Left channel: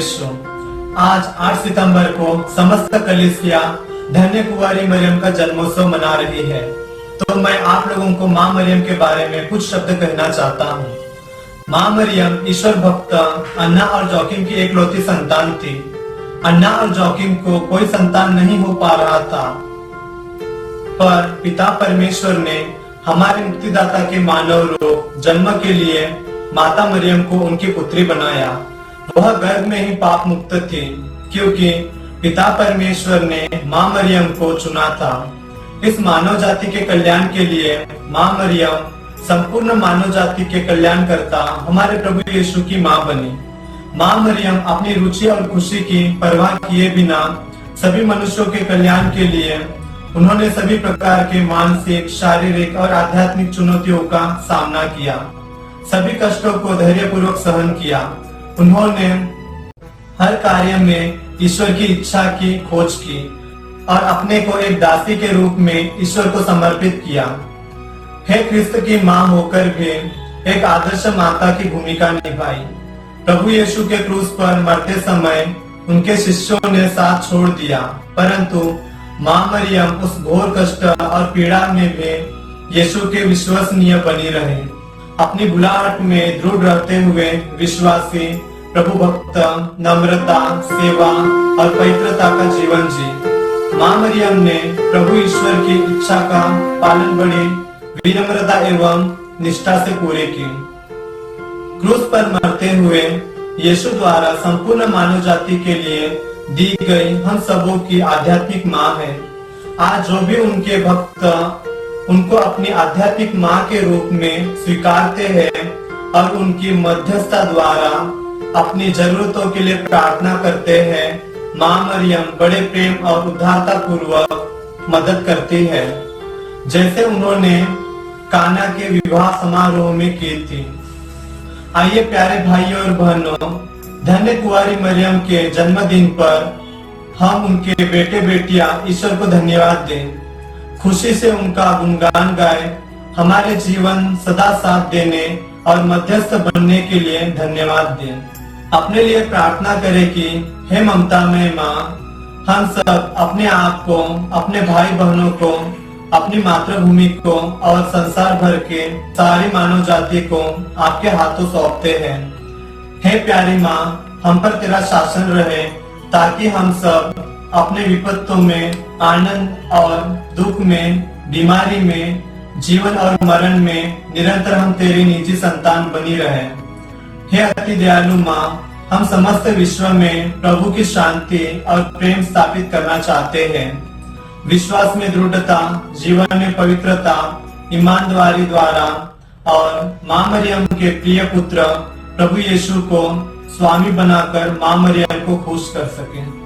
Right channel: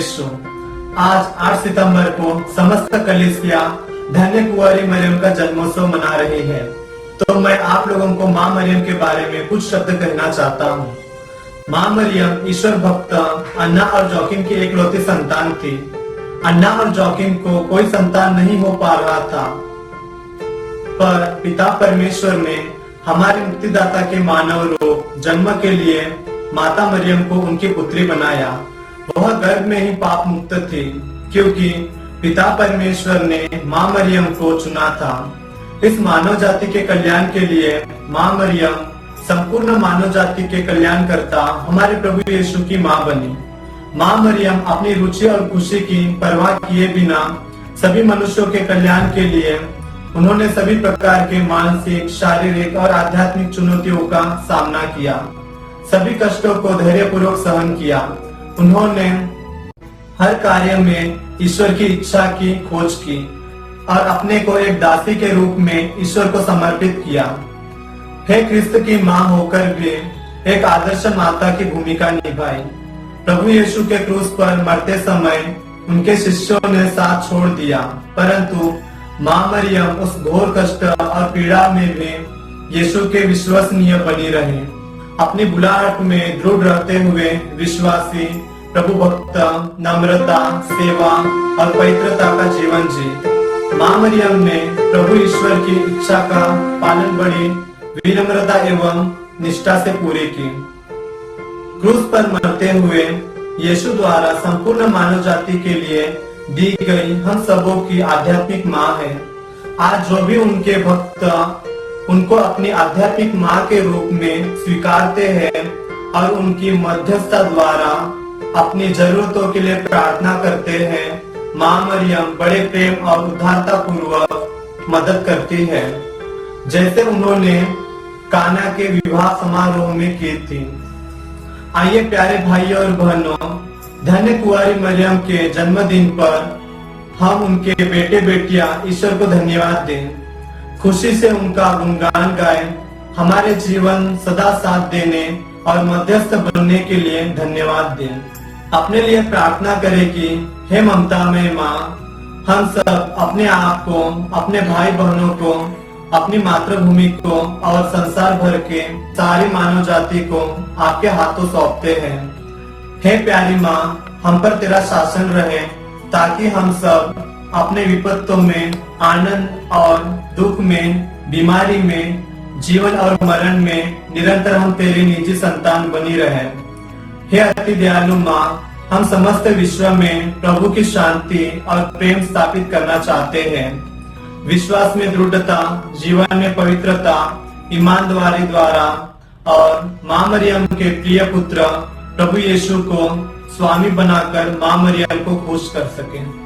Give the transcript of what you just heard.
यीशु। आज 8 सितंबर को समस्त कलीसिया धन्य कुंवारी मरियम का जन्मोत्सव मना रही है। तो मैं आप लोगों को माँ मरियम के बारे में कुछ शब्द कहना चाहता हूँ। माँ मरियम ईश्वर भक्त अन्ना और जोकिम की एकलौती संतान थी। अन्ना और जोकिम को कोई संतान नहीं हो पा रहा था, पर पिता परमेश्वर ने हमारे मुक्तिदाता के मानव रूप जन्म के लिए माता मरियम को उनकी पुत्री बनाया। वह गर्भ में ही पाप मुक्त थी, क्योंकि पिता परमेश्वर ने माँ मरियम को चुना था। इस मानव जाति के कल्याण के लिए माँ मरियम संपूर्ण मानव जाति के कल्याण करता हमारे प्रभु यीशु की माँ बनी। माँ मरियम अपनी रुचि और खुशी की परवाह किए बिना सभी मनुष्यों के कल्याण के लिए उन्होंने सभी प्रकार के मानसिक, शारीरिक और आध्यात्मिक चुनौतियों का सामना किया। सभी कष्टों को धैर्यपूर्वक सहन किया। उन्होंने हर कार्य में ईश्वर की इच्छा की खोज की और अपने को एक दासी के रूप में ईश्वर को समर्पित किया। हे क्रिस्त की माँ होकर भी एक आदर्श माता की भूमिका निभाई। प्रभु यीशु के क्रूस पर मरते समय उनके शिष्यों ने साथ छोड़ दिया, परंतु माँ मरियम उस घोर कष्ट और पीड़ा में भी यीशु के विश्वसनीय बनी रहे। अपनी बुलाहट में दृढ़ रहते हुए विश्वासी, प्रभु भक्त, नम्रता, सेवा और पवित्रता का जीवन जी। माँ मरियम ने प्रभु ईश्वर की इच्छा का पालन बड़ी विनम्रता एवं निष्ठा से पूरे की। क्रूस पर मरते हुए यीशु द्वारा संपूर्ण मानव जाति के लिए दी गई हम सबों की आध्यात्मिक माँ है। आज जो भी उनके भक्त उनको अपनी आध्यात्मिक माँ के रूप में स्वीकारते हैं और उनकी मध्यस्थता द्वारा अपनी जरूरतों के लिए प्रार्थना करते हैं, माँ मरियम बड़े प्रेम और उदारता पूर्वक मदद करती है, जैसे उन्होंने काना के विवाह समारोह में की थी। आइए प्यारे भाइयों और बहनों, धन्य कुंवारी मरियम के जन्मदिन पर हम उनके बेटे बेटियां ईश्वर को धन्यवाद दें, खुशी से उनका गुणगान गाएं, हमारे जीवन सदा साथ देने और मध्यस्थ बनने के लिए धन्यवाद दें। अपने लिए प्रार्थना करें कि हे ममतामय माँ, हम सब अपने आप को, अपने भाई बहनों को, अपनी मातृभूमि को और संसार भर के सारी मानव जाति को आपके हाथों सौंपते हैं। हे प्यारी माँ, हम पर तेरा शासन रहे, ताकि हम सब अपने विपत्तों में, आनंद और दुख में, बीमारी में, जीवन और मरण में निरंतर हम तेरी निजी संतान बनी रहे। हे अति दयालु माँ, हम समस्त विश्व में प्रभु की शांति और प्रेम स्थापित करना चाहते हैं। विश्वास में दृढ़ता, जीवन में पवित्रता, ईमानदारी द्वारा और माँ मरियम के प्रिय पुत्र प्रभु यीशु को स्वामी बनाकर माँ मरियम को खुश कर सकें।